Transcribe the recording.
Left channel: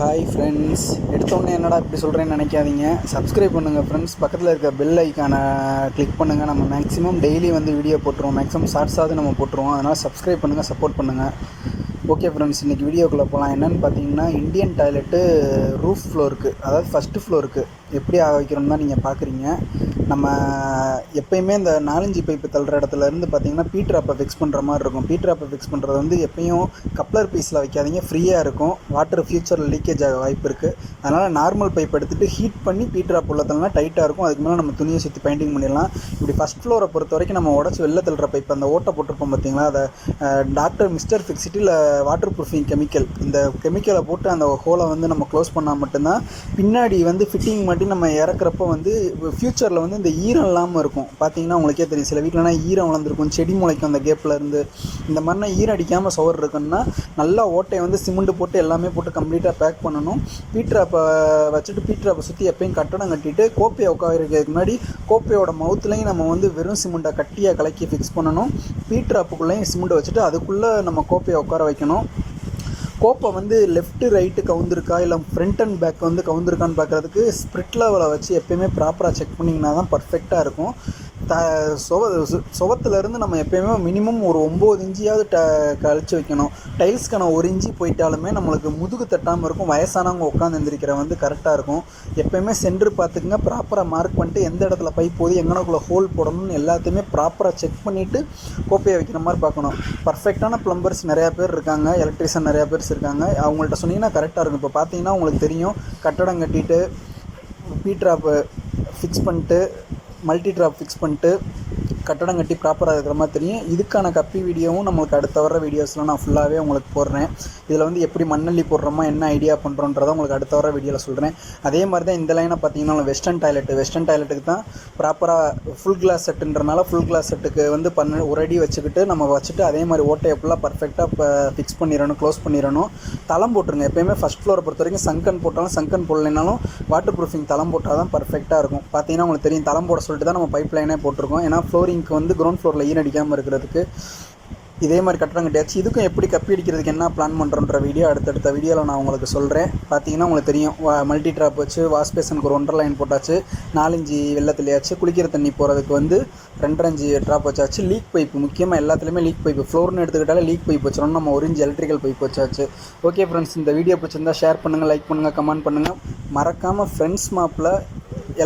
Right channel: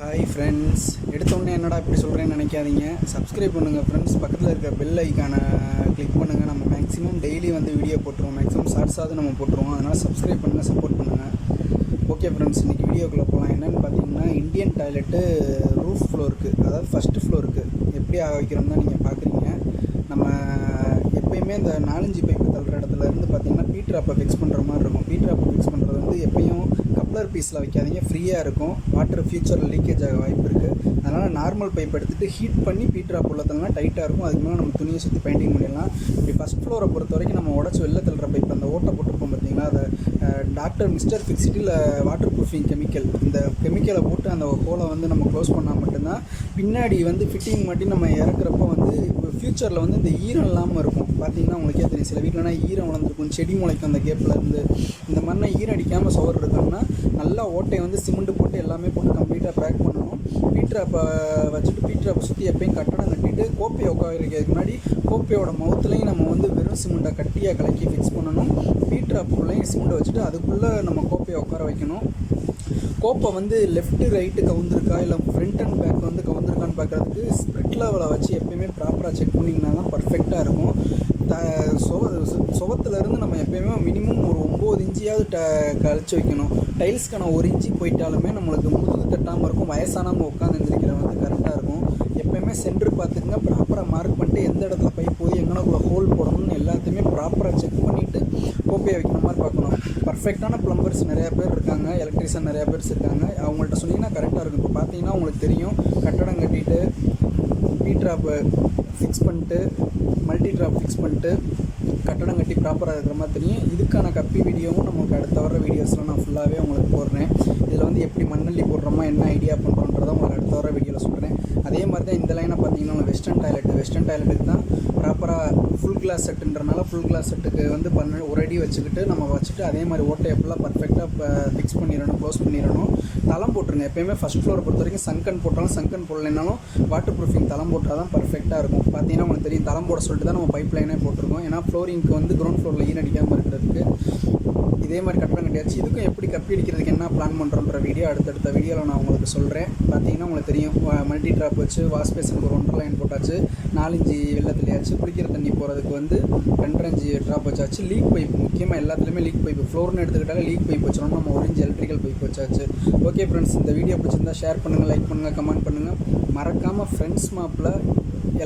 Hi friends, எடுத்தோடனே என்னடா இப்படி சொல்கிறேன்னு நினைக்காதீங்க. சப்ஸ்கிரைப் பண்ணுங்கள் ஃப்ரெண்ட்ஸ். பக்கத்தில் இருக்க பெல் ஐக்கானை கிளிக் பண்ணுங்கள். நம்ம மேக்ஸிமம் டெய்லி வந்து வீடியோ போட்டுருவோம், மேக்ஸிமம் ஷார்ட்ஸாவது நம்ம போட்டுருவோம். அதனால் சப்ஸ்கிரைப் பண்ணுங்கள், சப்போர்ட் பண்ணுங்கள். ஓகே ஃப்ரெண்ட்ஸ், இன்றைக்கி வீடியோக்குள்ளே போகலாம். என்னென்னு பார்த்தீங்கன்னா, இந்தியன் டாய்லெட்டு ரூஃப் ஃப்ளோருக்கு, அதாவது ஃபஸ்ட்டு ஃப்ளோருக்கு எப்படி ஆக வைக்கிறோம் தான் நீங்கள் பார்க்குறீங்க. நம்ம எப்போயுமே இந்த 4-5 பைப்பு தள்ளுற இடத்துலேருந்து பார்த்தீங்கன்னா பீட்ராப்பை ஃபிக்ஸ் பண்ணுற மாதிரி இருக்கும். பீட்ராப்பை ஃபிக்ஸ் பண்ணுறது வந்து எப்பயும் கப்ளர் பீஸில் வைக்காதீங்க, ஃப்ரீயாக இருக்கும். வாட்டர் ஃபியூச்சரில் லீக்கேஜ் ஆக வாய்ப்பு இருக்குது. அதனால் நார்மல் பைப் எடுத்துகிட்டு ஹீட் பண்ணி பீட்ராப் உள்ள தள்ளனா டைட்டாக இருக்கும். அதுக்கு மேலே நம்ம துணியை சுற்றி பெயிண்டிங் பண்ணிடலாம். இப்படி ஃபஸ்ட் ஃப்ளோரை பொறுத்த வரைக்கும் நம்ம உடச்சி வெளில தள்ளுற பைப் அந்த ஓட்டை போட்டிருப்போம் பார்த்தீங்களா, அதை டாக்டர் மிஸ்டர் ஃபிக்ஸிட்டியில் வாட்டர் ப்ரூஃபிங் கெமிக்கல், இந்த கெமிக்கலை போட்டு அந்த ஹோலை வந்து நம்ம க்ளோஸ் பண்ணால் மட்டும்தான் பின்னாடி வந்து ஃபிட்டிங் மாட்டி நம்ம இறக்குறப்போ வந்து ஃப்யூச்சரில் வந்து இந்த ஈரம் இல்லாமல் இருக்கும். பார்த்தீங்கன்னா உங்களுக்கே தெரியும், சில வீட்டிலனா ஈரம் வளர்ந்துருக்கும், செடி முளைக்கும் அந்த கேப்பில் இருந்து. இந்த மாதிரினா ஈரம் அடிக்காமல் சுவர் இருக்குன்னா நல்லா ஓட்டையை வந்து சிமெண்ட் போட்டு எல்லாமே போட்டு கம்ப்ளீட்டாக பேக் பண்ணணும். பீட்ராப்பை வச்சுட்டு பீட்ராப்பை சுற்றி எப்பயும் கட்டடம் கட்டிட்டு கோப்பையை உட்காரிக்கிறதுக்கு முன்னாடி கோப்பையோட மவுத்துலையும் நம்ம வந்து வெறும் சிமெண்ட்டை கட்டியாக கலக்கி ஃபிக்ஸ் பண்ணணும். பீட்ராப்புக்குள்ளேயும் சிமெண்ட்டை வச்சுட்டு அதுக்குள்ளே நம்ம கோப்பையை உட்கார வைக்கணும். கோப்பை வந்து லெஃப்ட்டு ரைட்டு கவுந்திருக்கா இல்லை ஃப்ரண்ட் அண்ட் பேக் வந்து கவுந்திருக்கான்னு பார்க்குறதுக்கு ஸ்ப்ரிட் லெவலை வச்சு எப்போயுமே ப்ராப்பராக செக் பண்ணிங்கன்னா தான் பர்ஃபெக்டாக இருக்கும். சுவத்துலேருந்து நம்ம எப்போயுமே மினிமம் ஒரு 9 இன்ச்சியாவது கழிச்சு வைக்கணும். டைல்ஸ்க்கான 1 இன்ச்சு போயிட்டாலுமே நம்மளுக்கு முதுகு தட்டாமல் இருக்கும். வயசானவங்க உட்காந்து எந்திரிக்கிற வந்து கரெக்டாக இருக்கும். எப்போயுமே சென்ட்ரு பார்த்துக்குங்க, ப்ராப்பராக மார்க் பண்ணிட்டு எந்த இடத்துல பைப் போகுது, எங்கனக்குள்ளே ஹோல் போடணும்னு எல்லாத்தையுமே ப்ராப்பராக செக் பண்ணிவிட்டு கோப்பையை வைக்கிற மாதிரி பார்க்கணும். பர்ஃபெக்டான ப்ளம்பர்ஸ் நிறையா பேர் இருக்காங்க, எலக்ட்ரிஷியன் நிறையா பேர் இருக்காங்க. அவங்கள்ட்ட சொன்னீங்கன்னா கரெக்டாக இருக்கும். இப்போ பார்த்தீங்கன்னா உங்களுக்கு தெரியும், கட்டடம் கட்டிட்டு பீட்ராப்பை ஃபிக்ஸ் பண்ணிட்டு மல்டி ட்ராப் ஃபிக்ஸ் பண்ணிட்டு கட்டடம் கட்டி ப்ராப்பராக இருக்கிற மாதிரி தெரியும். இதுக்கான கப்பி வீடியோவும் நம்மளுக்கு அடுத்த வர வீடியோஸில் நான் ஃபுல்லாகவே உங்களுக்கு போடுறேன். இதில் வந்து எப்படி மண்ணள்ளி போடுறோமா, என்ன ஐடியா பண்ணுறோன்றதை உங்களுக்கு அடுத்த வர வீடியோவில் சொல்கிறேன். அதே மாதிரி தான் இந்த லைனை பார்த்தீங்கன்னா வெஸ்டர்ன் டாய்லெட்டுக்கு தான் ப்ராப்பராக ஃபுல் கிளாஸ் செட்டுன்றனால ஃபுல் கிளாஸ் செட்டுக்கு வந்து ஒரு அடி வச்சுக்கிட்டு நம்ம வச்சுட்டு அதே மாதிரி ஓட்டை எப்பெல்லாம் பர்ஃபெக்டாக ஃபிக்ஸ் பண்ணிடணும், க்ளோஸ் பண்ணிடணும். தளம் போட்டுருங்க. எப்போயுமே ஃபஸ்ட் ஃப்ளோரை பொறுத்த வரைக்கும் சங்கன் போட்டாலும் சங்கன் போடலைனாலும் வாட்டர் ப்ரூஃபிங் தளம் போட்டால் தான் பர்ஃபெக்டாக இருக்கும். பார்த்தீங்கன்னா உங்களுக்கு தெரியும், தளம் போட சொல்லிட்டு தான் நம்ம பைப் லைனே போட்டிருக்கோம். ஏன்னா ஃப்ளோரிங்க்கு வந்து கிரவுண்ட் ஃப்ளோரில் ஈரம் அடிக்காமல் இருக்கிறதுக்கு. இதே மாதிரி கட்டடம் கட்டியாச்சு. இதுக்கும் எப்படி கப்பி அடிக்கிறதுக்கு என்ன பிளான் பண்ணுறோன்ற வீடியோ அடுத்தடுத்த வீடியோவில் நான் உங்களுக்கு சொல்கிறேன். பார்த்தீங்கன்னா உங்களுக்கு தெரியும், மல்டி ட்ராப் வச்சு வாஷ் பேஷனுக்கு ஒரு 1.5 லைன் போட்டாச்சு, 4 இன்ச்சு வெள்ளத்துலையாச்சு, குளிக்கிற தண்ணி போகிறதுக்கு வந்து 2.5 இன்ச்சு ட்ராப் வச்சாச்சு. லீக் பைப் முக்கியமாக எல்லாத்துலேயுமே லீக் பைப்பு, ஃப்ளோர்னு எடுத்துக்கிட்டாலே லீக் பைப் வச்சிடணும். நம்ம 1 இன்ச்சு எலக்ட்ரிக்கல் பைப் வச்சாச்சு. ஓகே ஃப்ரெண்ட்ஸ், இந்த வீடியோ பிடிச்சிருந்தா ஷேர் பண்ணுங்கள், லைக் பண்ணுங்கள், கமெண்ட் பண்ணுங்கள். மறக்காமல் ஃப்ரெண்ட்ஸ் மாப்பில்